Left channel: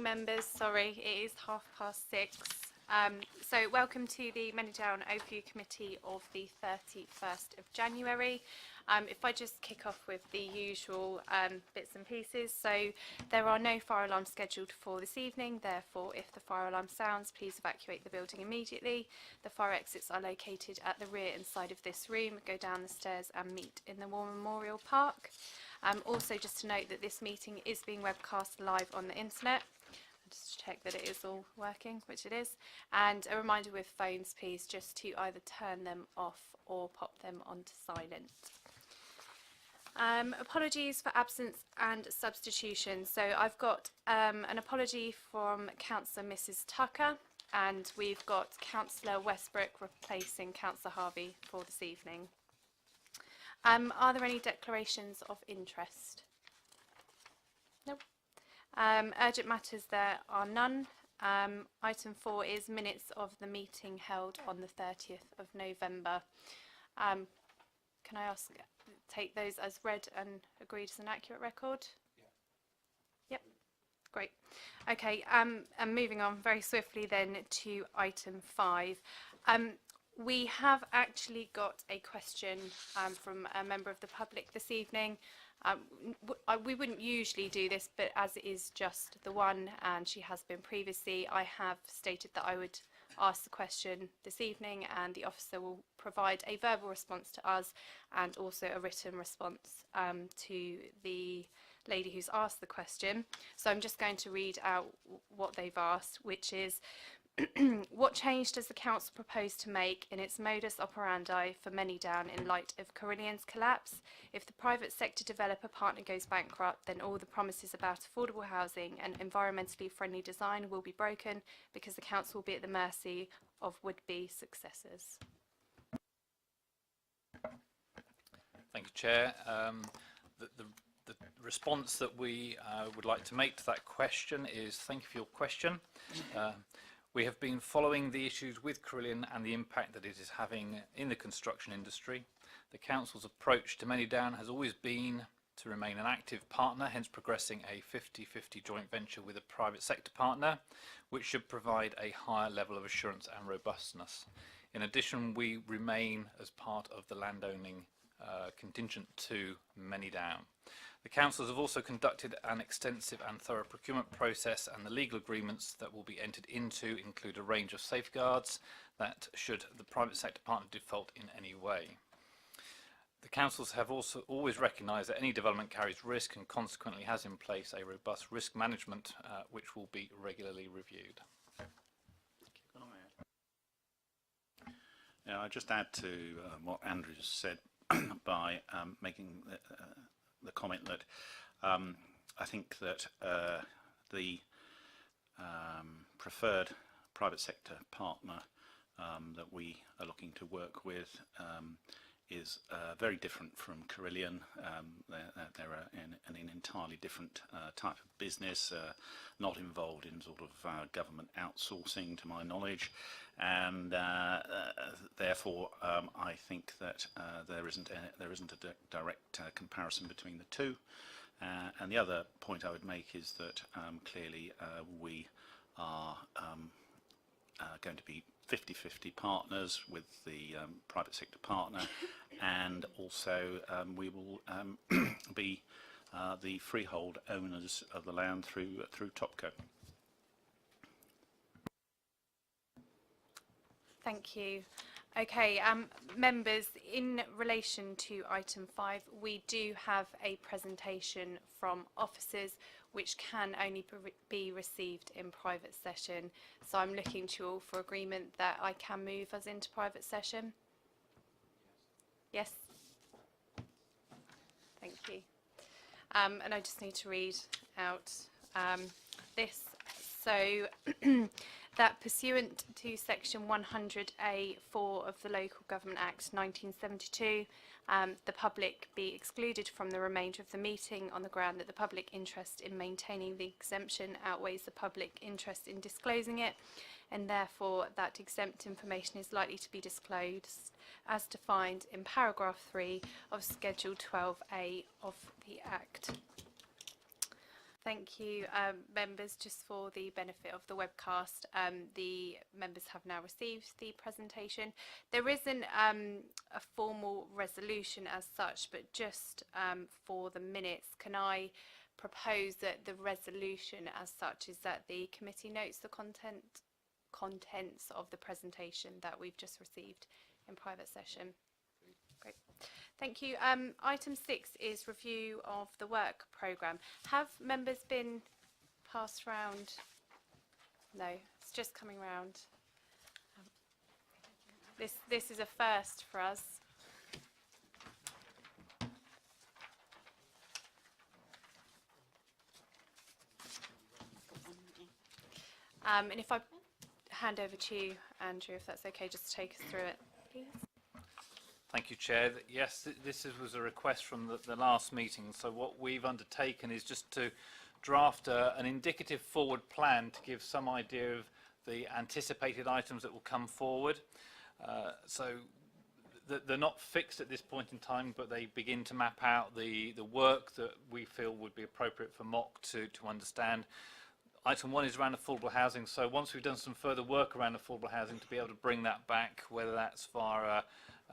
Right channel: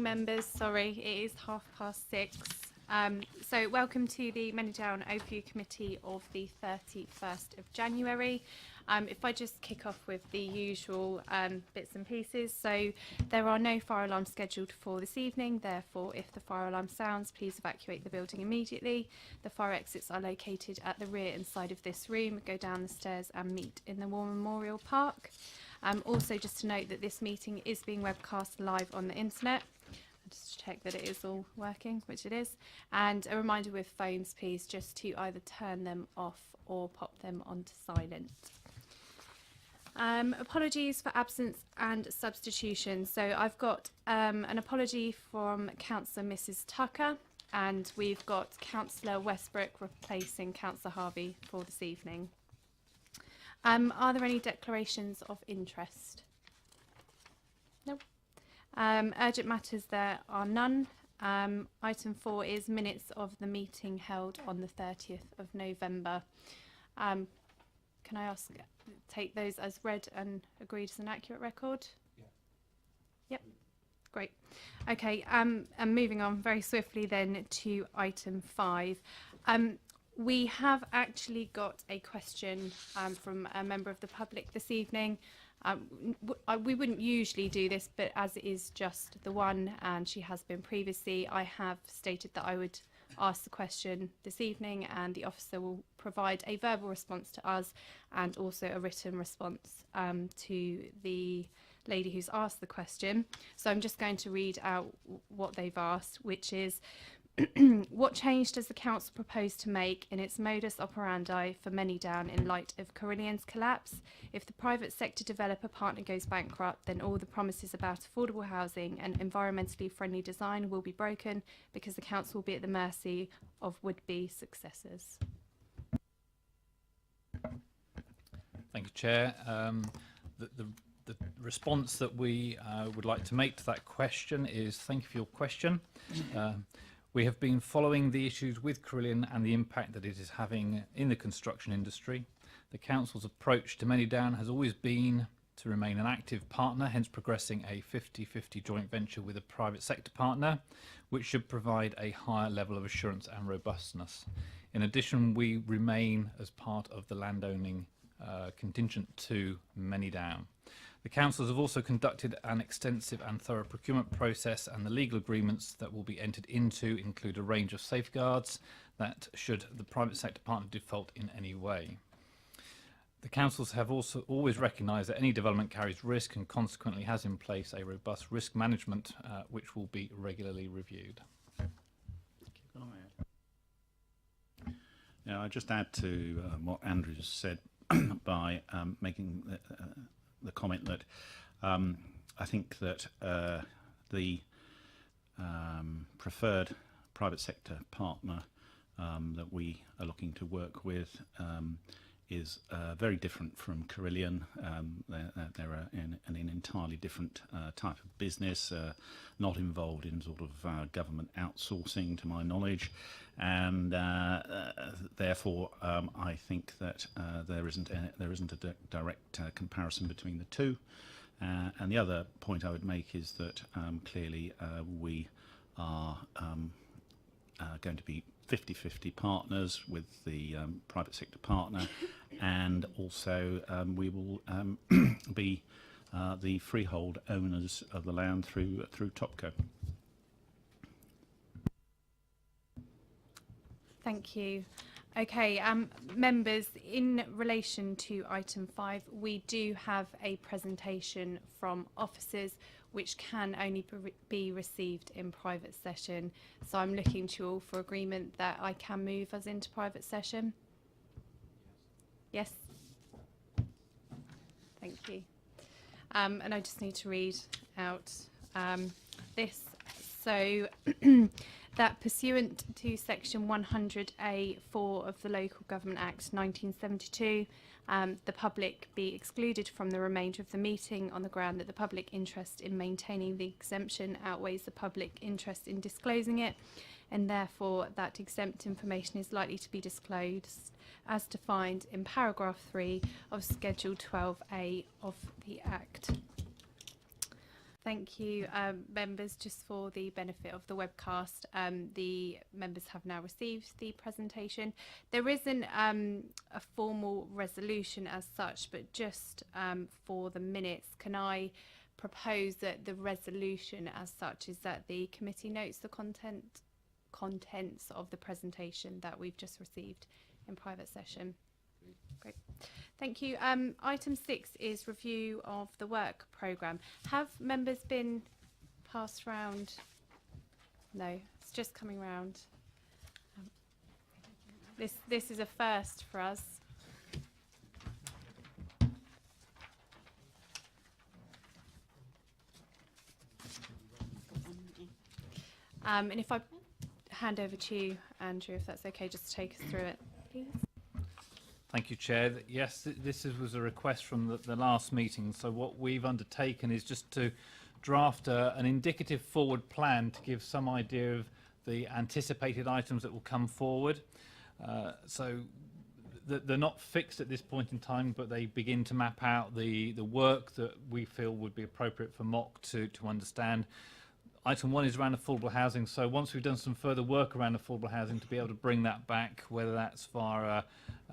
Members, sorry, it is 6:30. So welcome to the Manydown Overview Committee of the 31st of January. If I just kick off with the usual bits and pieces. So there are no fire alarms scheduled for this evening. Therefore, if the fire alarm sounds, please evacuate the building immediately. The fire exits are located at the rear and side of this room. Go down the stairs and meet in the War Memorial Park. Also, just to note that this meeting is being webcast live on the internet. Just check that it is all working, which it is. And a reminder with phones, please, just to either turn them off or pop them onto silent. Apologies for absence and substitution. So I've got an apology from Councillor Mrs Tucker, and we've got Councillor Westbrook replacing Councillor Harvey for this evening. Are there any declarations of interest? No. Urgent matters, there are none. Item 4 is minutes of the meeting held on the 30th of November. Can I take those as read and agreed as an accurate record? Yeah. Yep. Great. Okay, and moving on very swiftly then to item 5. We have actually got a question from a member of the public this evening. We wouldn't usually do this, but as it is just the one and she has been previously, I have stated that I would ask the question this evening, and the officer will provide a verbal response to us and also a written response to the lady who's asked the question. So I'm just going to read out what they've asked, which is: what change does the council propose to make in its modus operandi for Manydown in light of Carillion's collapse? If the private sector developer partner goes bankrupt, then all the promises about affordable housing and environmentally friendly design will be broken because the council will be at the mercy of would-be successors. Thank you, Chair. The response that we would like to make to that question is thank you for your question. We have been following the issues with Carillion and the impact that it is having in the construction industry. The Council's approach to Manydown has always been to remain an active partner, hence progressing a 50-50 joint venture with a private sector partner, which should provide a higher level of assurance and robustness. In addition, we remain as part of the landowning contingent to Manydown. The councils have also conducted an extensive and thorough procurement process, and the legal agreements that will be entered into include a range of safeguards that should the private sector partner default in any way. The councils have also always recognised that any development carries risk and consequently has in place a robust risk management which will be regularly reviewed. Yeah, I'll just add to what Andrew said by making the comment that I think that the preferred private sector partner that we are looking to work with is very different from Carillion. They're in an entirely different type of business, not involved in sort of government outsourcing to my knowledge, and therefore I think that there isn't a direct comparison between the two. And the other point I would make is that clearly we are going to be 50-50 partners with the private sector partner, and also we will be the freehold owners of the land through Topco. Thank you. Okay, members, in relation to item 5, we do have a presentation from officers which can only be received in private session. So I'm looking to you all for agreement that I can move us into private session. Yes? Thank you. And I just need to read out this. So that pursuant to section 100A(4) of the Local Government Act 1972, the public be excluded from the remainder of the meeting on the ground that the public interest in maintaining the exemption outweighs the public interest in disclosing it, and therefore that exempt information is likely to be disclosed as defined in paragraph 3 of Schedule 12A of the Act. Thank you, members. Just for the benefit of the webcast, the members have now received the presentation. There isn't a formal resolution as such, but just for the minutes, can I propose that the resolution as such is that the committee notes the contents of the presentation that we've just received in private session? Great. Thank you. Item 6 is review of the work programme. Have members been passed round? No, it's just coming round. This is a first for us. And if I hand over to you, Andrew, if that's okay, just to take us through it, please. Thank you, Chair. Yes, was a request from the last meeting. So what we've undertaken is just to draft an indicative forward plan to give some idea of the anticipated items that will come forward. So they're not fixed at this point in time, but they begin to map out the work that we feel would be appropriate for MOC to understand. Item 1 is around affordable housing. So once we've done some further work around affordable housing, to be able to bring that back, whether that's via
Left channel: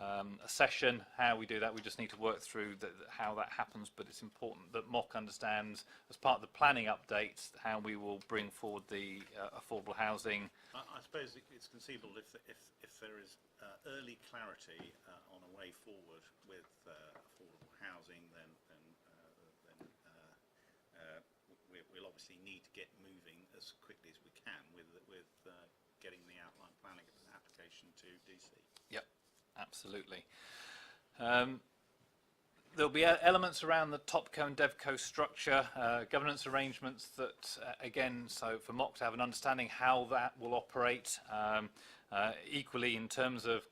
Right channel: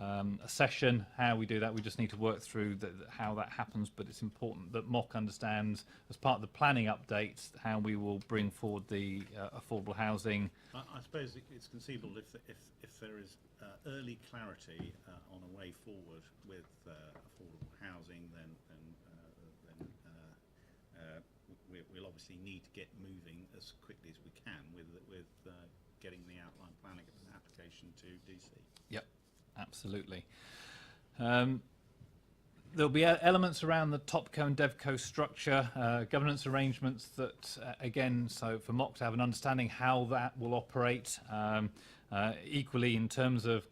a session, how we do that, we just need to work through how that happens. But it's important that MOC understands, as part of the planning updates, how we will bring forward the affordable housing. I suppose it's conceivable if there is early clarity on a way forward with affordable housing, then we'll obviously need to get moving as quickly as we can with getting the outline planning application to DC. Yep, absolutely. There'll be elements around the TopCo and DevCo structure, governance arrangements that, again, so for MOC to have an understanding how that will operate, equally in terms of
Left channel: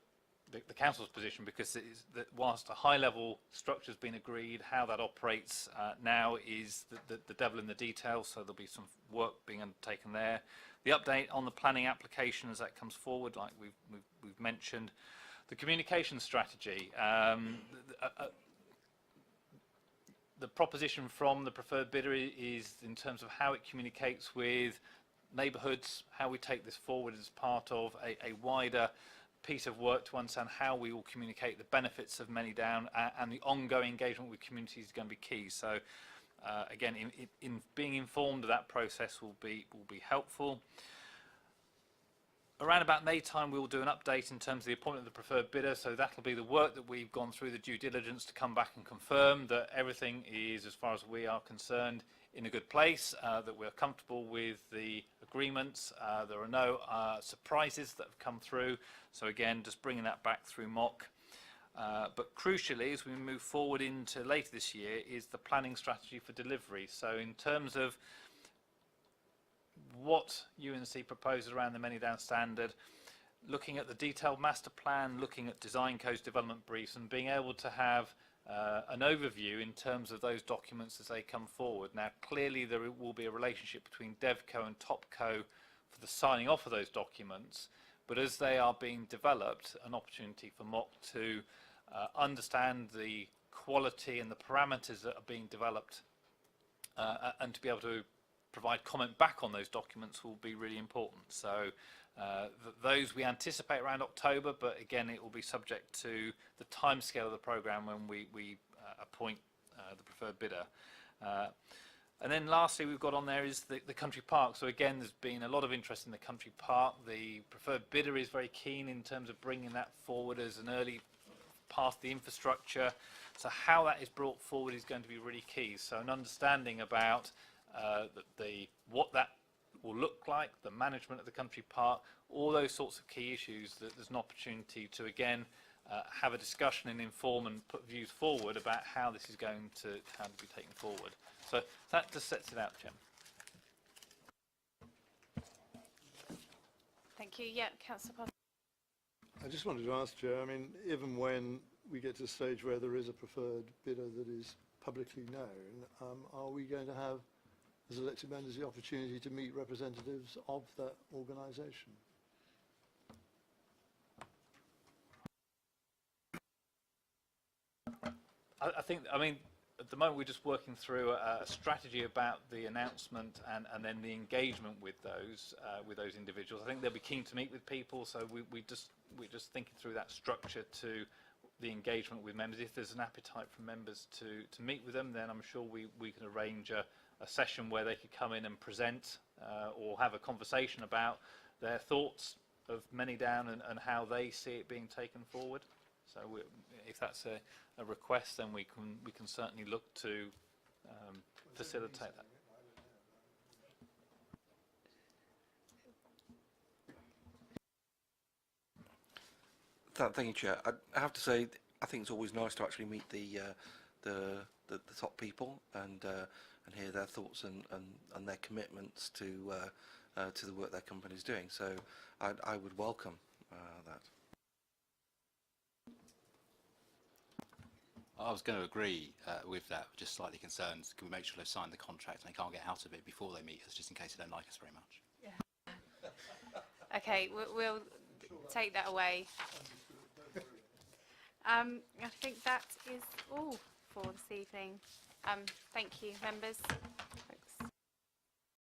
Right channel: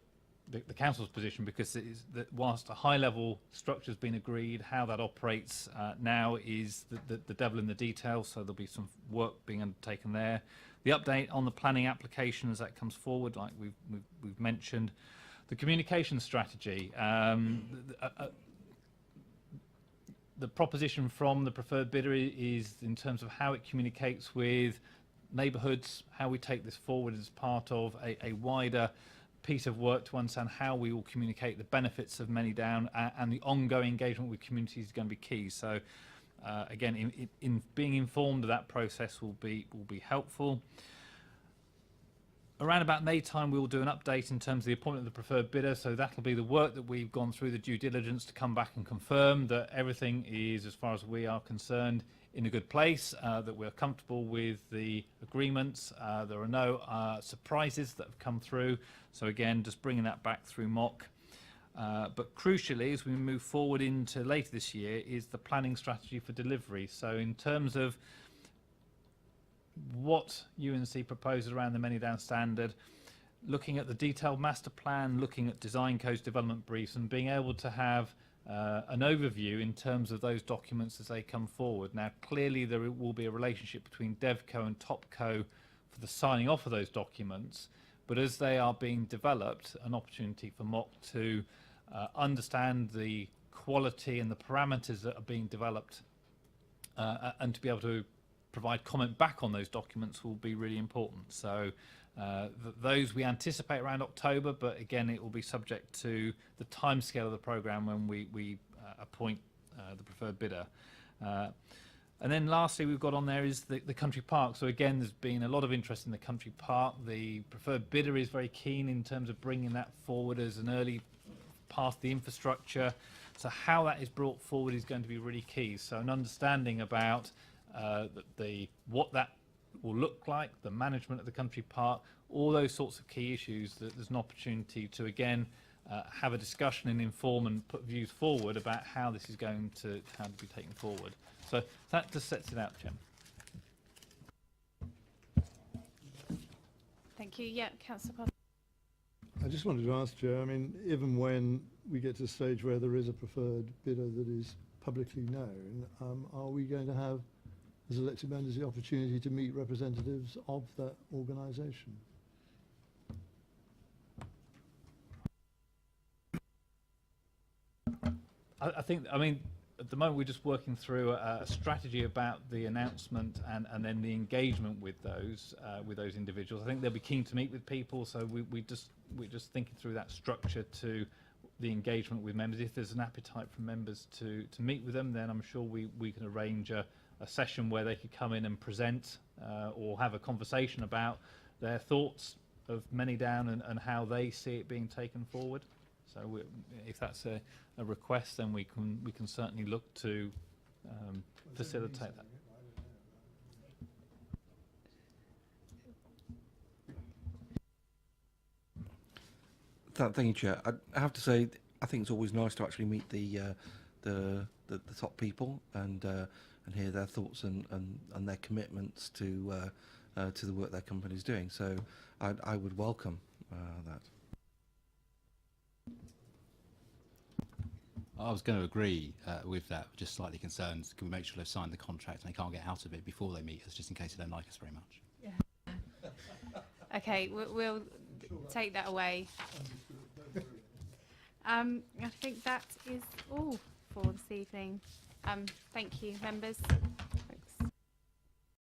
the council's position, because it is that whilst a high-level structure has been agreed, how that operates now is the devil in the details. So there'll be some work being undertaken there. The update on the planning application as that comes forward, like we've mentioned, the communication strategy. The proposition from the preferred bidder is in terms of how it communicates with neighbourhoods, how we take this forward as part of a wider piece of work to understand how we will communicate the benefits of Manydown, and the ongoing engagement with communities is going to be key. So again, in being informed of that process will be helpful. Around about May time, we will do an update in terms of the appointment of the preferred bidder. So that'll be the work that we've gone through, the due diligence, to come back and confirm that everything is, as far as we are concerned, in a good place, that we're comfortable with the agreements. There are no surprises that have come through. So again, just bringing that back through MOC. But crucially, as we move forward into later this year, is the planning strategy for delivery. So in terms of what UNC proposes around the Manydown standard, looking at the detailed master plan, looking at design codes, development briefs, and being able to have an overview in terms of those documents as they come forward. Now, clearly there will be a relationship between DevCo and TopCo for the signing off of those documents, but as they are being developed, an opportunity for MOC to understand the quality and the parameters that are being developed, and to be able to provide comment back on those documents will be really important. So those we anticipate around October, but again, it will be subject to the timescale of the programme when we appoint the preferred bidder. And then lastly, we've got on there is the country park. So again, there's been a lot of interest in the country park. The preferred bidder is very keen in terms of bringing that forward as an early part of the infrastructure. So how that is brought forward is going to be really key. So an understanding about what that will look like, the management of the country park, all those sorts of key issues, that there's an opportunity to again have a discussion and inform and put views forward about how this is going to be taken forward. So that just sets it out, Jim. Thank you. Yeah, Councillor Parker. I just wanted to ask, Chair, I mean, even when we get to the stage where there is a preferred bidder that is publicly known, are we going to have, as elected members, the opportunity to meet representatives of that organisation? I think, I mean, at the moment we're just working through a strategy about the announcement and then the engagement with those individuals. I think they'll be keen to meet with people, so we're just thinking through that structure to the engagement with members. If there's an appetite from members to meet with them, then I'm sure we can arrange a session where they could come in and present or have a conversation about their thoughts of Manydown and how they see it being taken forward. So if that's a request, then we can certainly look to facilitate that. Thank you, Chair. I have to say, I think it's always nice to actually meet the top people and hear their thoughts and their commitments to the work their company is doing. So I would welcome that. I was going to agree with that, just slightly concerned. Can we make sure they've signed the contract and they can't get out of it before they meet us, just in case they don't like us very much? Okay, we'll take that away. I think that is all for this evening. Thank you, members.